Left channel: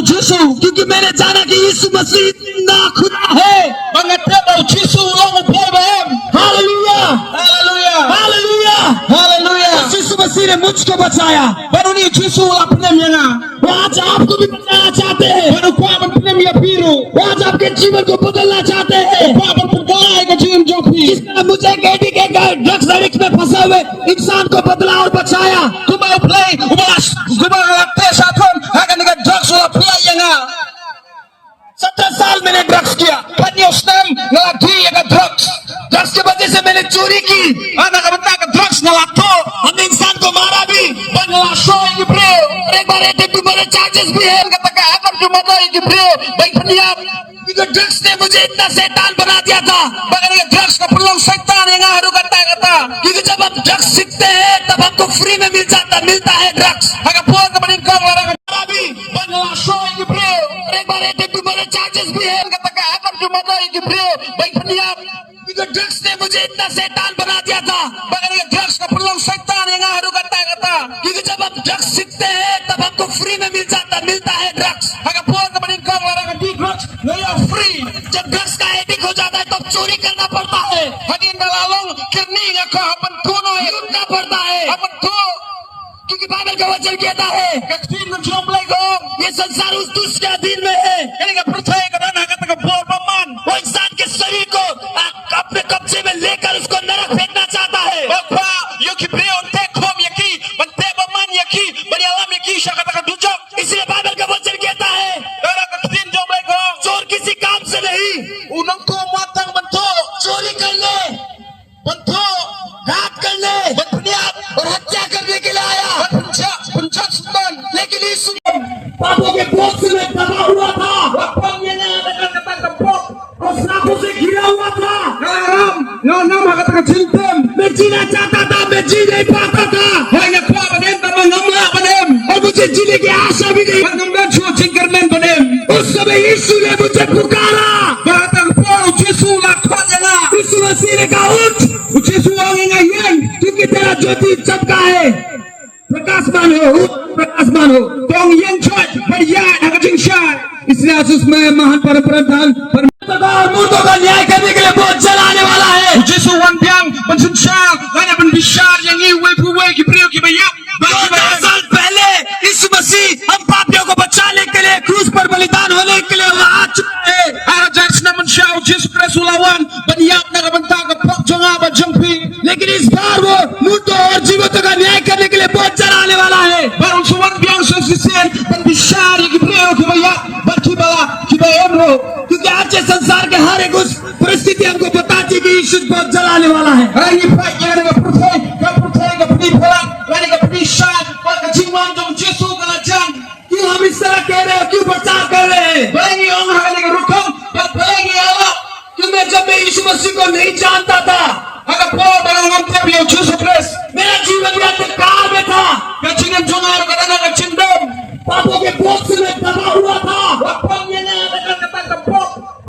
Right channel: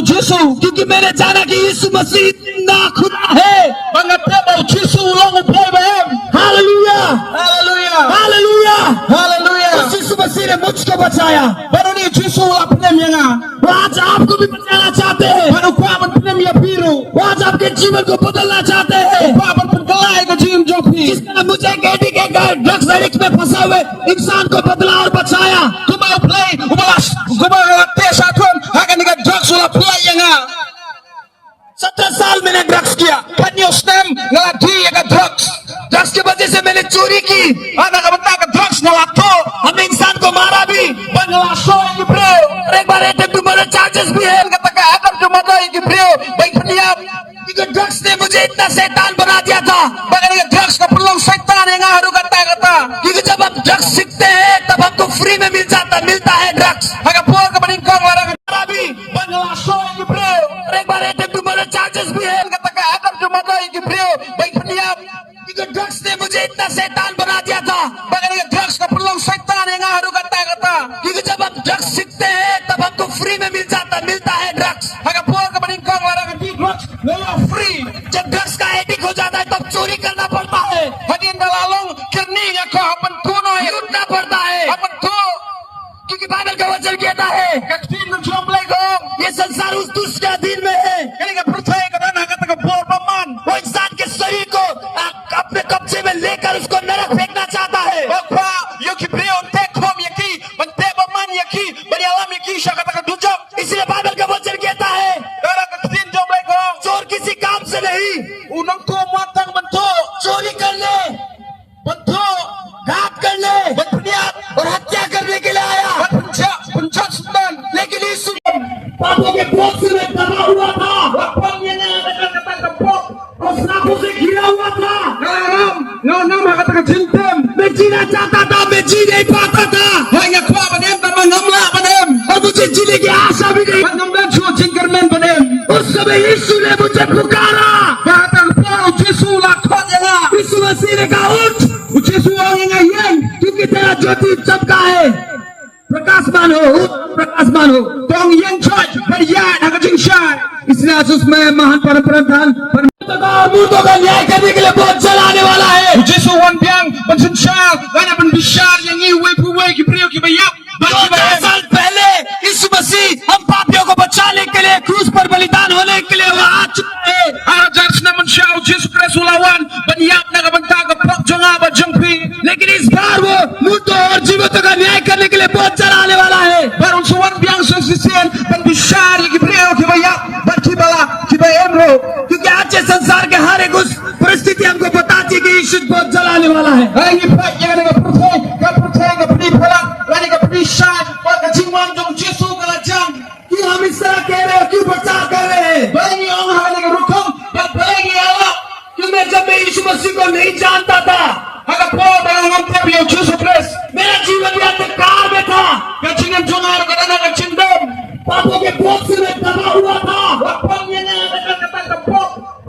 Yesu, क्योंकि मैंने जाना कि यीशु मसीह जिंदा खुदा है। mengateba Yesu long Abraham. Hallelujah, Haleluya. Hallelujah. Haleluya. यीशु मसीह ने मुझको बचाया, Baru ni Yesu apnem yanga. वो आज आपको भी बचाना चाहते हैं। Baru pa ban pnem ya biru. वो आज आपके जीवन को बदलना चाहते हैं। Pa ban pentelai ke jim jopi. जिस तरह मुझे गैडी के ड्रग्स एडिक्ट में फंसे हुए इंसान को बदला और बचाया, Kuba play, kuba ngate sathon, akan ni drugs wala play yanga. 17 साल मैंने ड्रग्स किया। Pani ostem ngalati ya drugs. Drugs की वजह से मैंने चोरी की, Anak kabata ke drugs ngalato. हमने इंसान को मारा भी, Banglaso yang bro. और एक बार अटैक टू मर्डर चार्जेस भी है। Kata ka akan cuma dah yang bro. Baik peniap. क्योंकि ड्रग्स ने मुझे इतना शैतान बना दिया था। Bagai ni drugs ka perlu setan yang haru kata-kata. क्योंकि जब आप ड्रग्स सीखते हैं तब हमको फ्री में मिलता है drugs. Agak puas ke meningkong larang. मारा भी, Banglaso yang bro. और एक बार अटैक टू मर्डर चार्जेस भी है। Kata ka akan cuma dah yang bro. Baik peniap. क्योंकि ड्रग्स ने मुझे इतना शैतान बना दिया था। Bagai ni drugs ka perlu setan yang haru kata-kata. क्योंकि जब आप ड्रग्स सीखते हैं तब हमको फ्री में मिलता है drugs. Agak puas ke meningkong larang di drugs. Layak free. जब ड्रग्स का एडिक्ट हो जाता है तब चोरी करना पड़ता है, Hadin dalalong kerning ako apan tuno ya. लूटना पड़ता है, Apan tu. क्योंकि बाइबल का वचन कहता है Kaktin ng jomblay gong. ये संसार उस दुष्ट के अधीन में है। Kaya ka percaya ka na kata ka bor paman. वो इंसान के शरीर को अपने कब्जे में लेकर उसको नरक फेंकना चाहता है। Bapa, yo kibreo te kom yaki, bante paman yaki, bani alam yaki siya kata ka dujok. इसलिए बाइबल का वचन कहता है Kaya kaktin jomblay gong. चोर किसी काम से नहीं, Unang tumatang banto. चोरी करने, Banto. घात करने Banpuniat. और हत्या करने के लिए आया। Puncak sundan. लेकिन यीशु पापों के बोझ से मैं दबा हुआ था, Bapa niya na kata ka pok. और श्रापों से घिरा हुआ था। Ngalam kata ka jintam. मैं जीना चाहता था, मैं जी नहीं पाता था, Hay nga kwa panem tamang ngamla panem. और मुझे जीने की आशा भी नहीं। Pangamdan siya chingkermen panem. उस समय यीशु ने मुझे पुकारा, Batang po Jesu lakot ya nga. यीशु मसीह ने कहा उठ, Jesu ang ngayon. क्योंकि तेरा ज्योति चमका है। प्रकाशमान हो, उठ, प्रकाशमान हो। Tong yang church beriak agak syai. इसलिए आज उसमें महान परमप्रधान और मूर्तों का न्याय करने के लिए बहुत चलाने वाला है। Jesu wan piang pensensyal. Gana penbisar yang iwe puwe kipriyo kibayap. 2000 साल पहले यीशु मसीह हम पापियों को बचाने के लिए क्रूस पर बलिदान होने के लिए वो आ चुके हैं। Ajar naman siya Jesu Kristo lawan. Banyak na kabanta ka pok janga ba jangpi. लेकिन इस बार वो मूर्तों और जीवितों का न्याय करने के लिए बहुत चलाने वाला है। Barang suwan piang sesisen penbisar yang kipriyo kibayap. Barkibala kibayemro. क्योंकि आज के संसार के हर एक उस परिस्थिति हमको बताती है कि यीशु बहुत जलाने वाला है। Ay ipa yang nga